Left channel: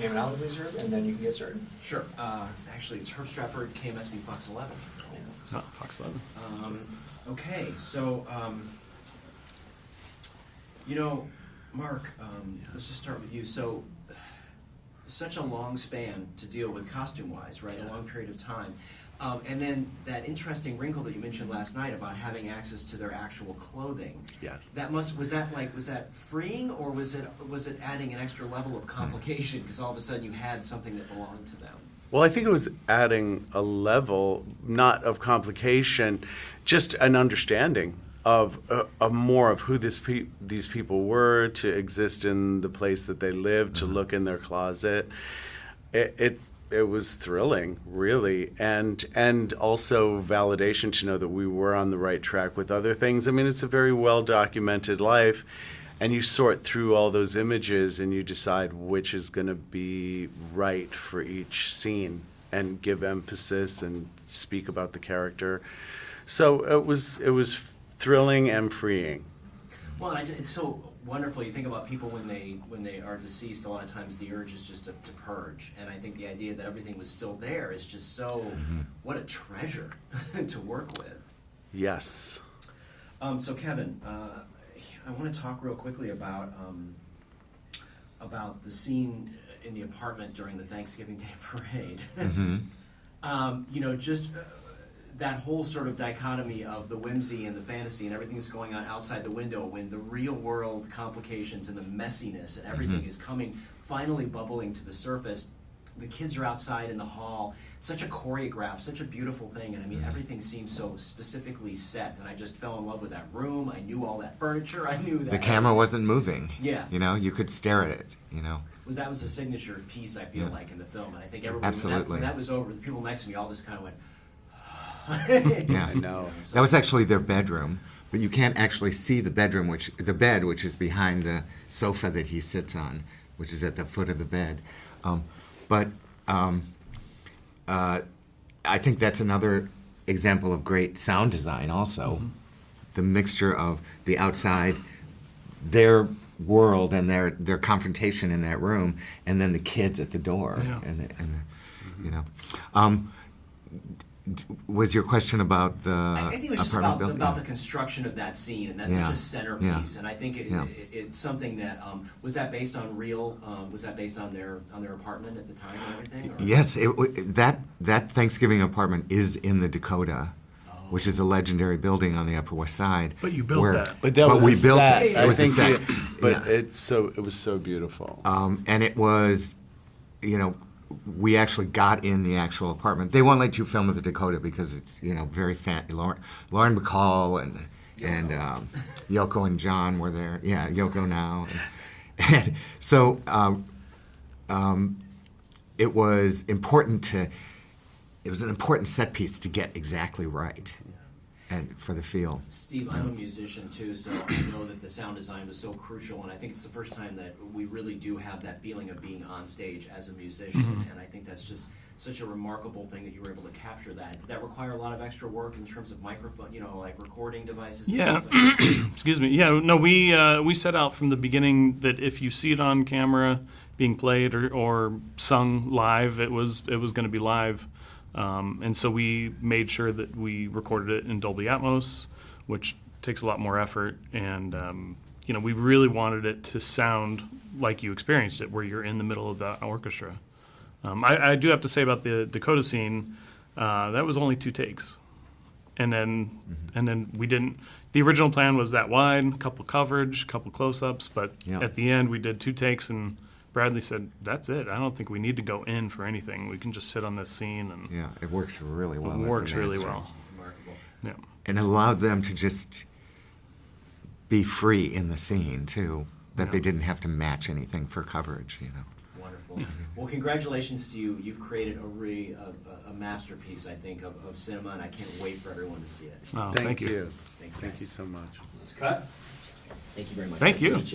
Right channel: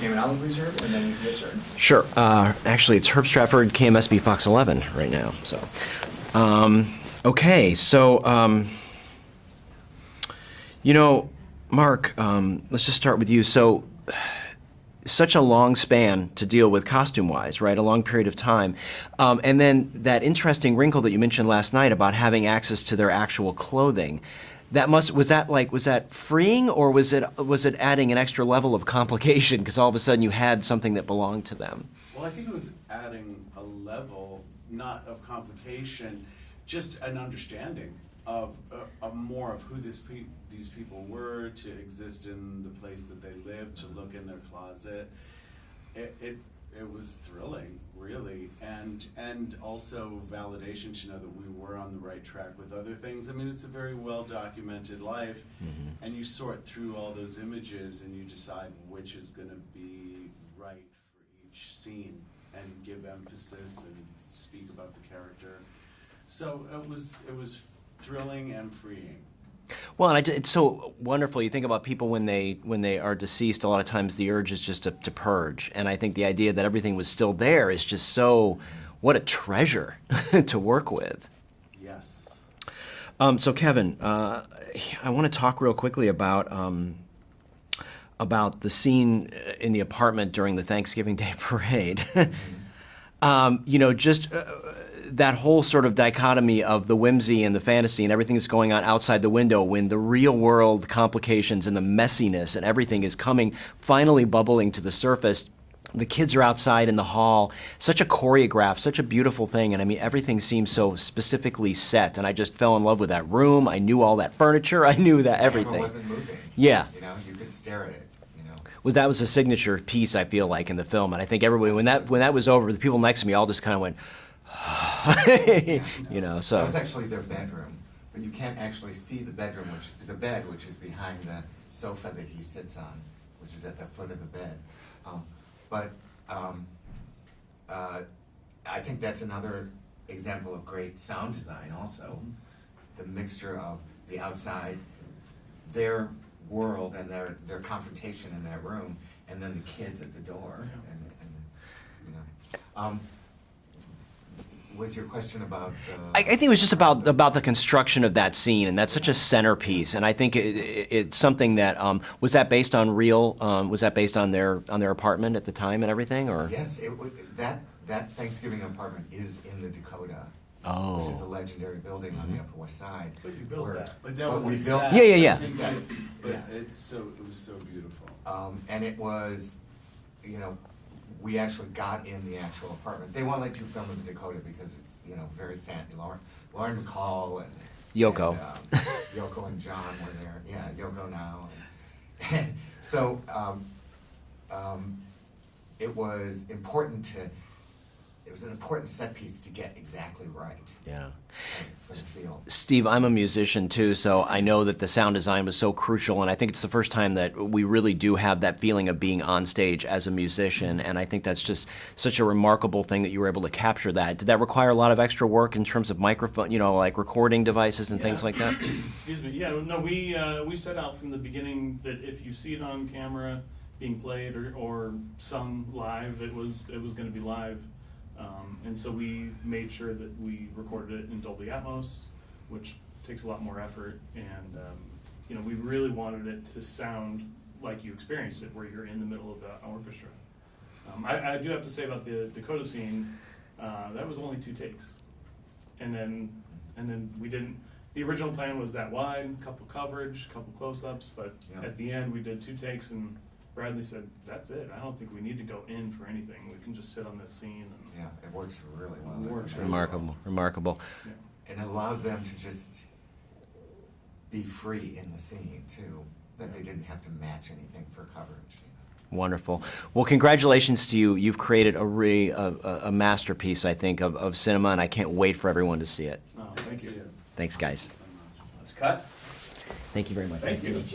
Name and outlet, please, Herb, and then we can get started. Sure. Actually, it's Herb Stratford, KMSB Fox 11 right now. So, okay. So, you know, Mark, let's just start with you. So, such a long span to deal with costume-wise, right? A long period of time. And then that interesting wrinkle that you mentioned last night about having access to their actual clothing. Yes. That was that freeing, or was it adding an extra level of complication because all of a sudden you had something that belonged to them? Well, I think it was adding a level, not of complication, just an understanding of more of who these people were, to exist in the place that they lived, to look in their closet. It was thrilling, really, and also validation to know that we were on the right track with other things. I mean, it's a very well documented life, and you sort through all those images and you decide which is going to be right for each scene and give emphasis and speak about the character. So it was thrilling and freeing. Well, and it's so wonderful. You think about people when they are deceased. A lot of times the urge is just to purge, and I think the idea that everything was still there is just so what a treasure to work with. Yes. So Kevin, I want to talk real quickly about the scene in the apartment during the Thanksgiving Day parade. You know, just. That whole sort of dichotomy of the whimsy and the fantasy and everything that's going on outside the window, when the real world complications and the messiness and everything is coming, finally bubbling to the surface. The kids are outside in the hall. Such a choreographed, such a beautiful thing. And I mean, everything seems so specifically set. And I just fell in love with that room. I knew all that furniture. I knew that the camera everything wasn't moving. Yeah. You know, you could stare at it, you know. Well, that was a signature piece, I feel like, in the film. And I think everybody, when Absolutely. that was over, the people next to me all just kind of went, Yeah. you know, so That was actually their bedroom, but you can't actually see the bedroom, the bed, which is behind the sofa that he sits on, which is at the foot of the bed. I think that's another example of great sound design also. The mixture of the outside, their world and their confrontation in that room, and then the kids at the door. Yeah. You know. Was your question about the? I think it was just apartment about building? the construction of that scene, and that's such a Yeah. centerpiece. Yeah. And I think it's something that was that based on real? Was that based on their apartment at the time and everything? Or Yes, that Thanksgiving apartment is in the Dakota, which is a legendary building on the Upper West Side. But you built that. But that was we a built set. it. Yeah, That yeah, was a I think set. but Yeah. it was so beautiful. And it was, you know, we actually got in the actual apartment. They won't let you film at the Dakota because it's, you know, very fancy. Lauren Bacall and Yoko. and, Yoko and John were there. Yeah, Yoko now. And so it was important it was an important set piece to get exactly right. yeah. For the feel. Steve, I'm a musician too, so I know that the sound design was so crucial, and I think it's the first time that we really do have that feeling of being on stage as a musician, and I think that's just such a remarkable thing that you were able to capture that. Did that require a lot of extra work in terms of microphone, you know, like recording devices and things like that? Excuse me. Yeah, no, we set out from the beginning that if you see it on camera being played or sung live, it was going to be live. And so we made sure that we recorded it in Dolby Atmos, which takes a lot more effort. And, you know, we really wanted it to sound like you experienced it, where you're in the middle of the orchestra. I do have to say about the Dakota scene, that was only 2 takes. And then we didn't, the original plan was that wide, a couple coverage, couple close-ups, but at the end we did 2 takes, and Bradley said, "That's it. I don't think we need to go in for anything. We can just sit on this scene." And Yeah, it works really well. It That's works really amazing. well. Remarkable. Yeah. And it allowed them to just be free in the scene too, that they didn't have to match anything for coverage, you know. Wonderful. Well, congratulations to you. You've created a masterpiece, I think, of cinema, and I can't wait for everyone to see it. Oh, Thank you. Thanks, guys. Thank you so much. Let's cut. Thank you very much. Thank Nice to you. meet you.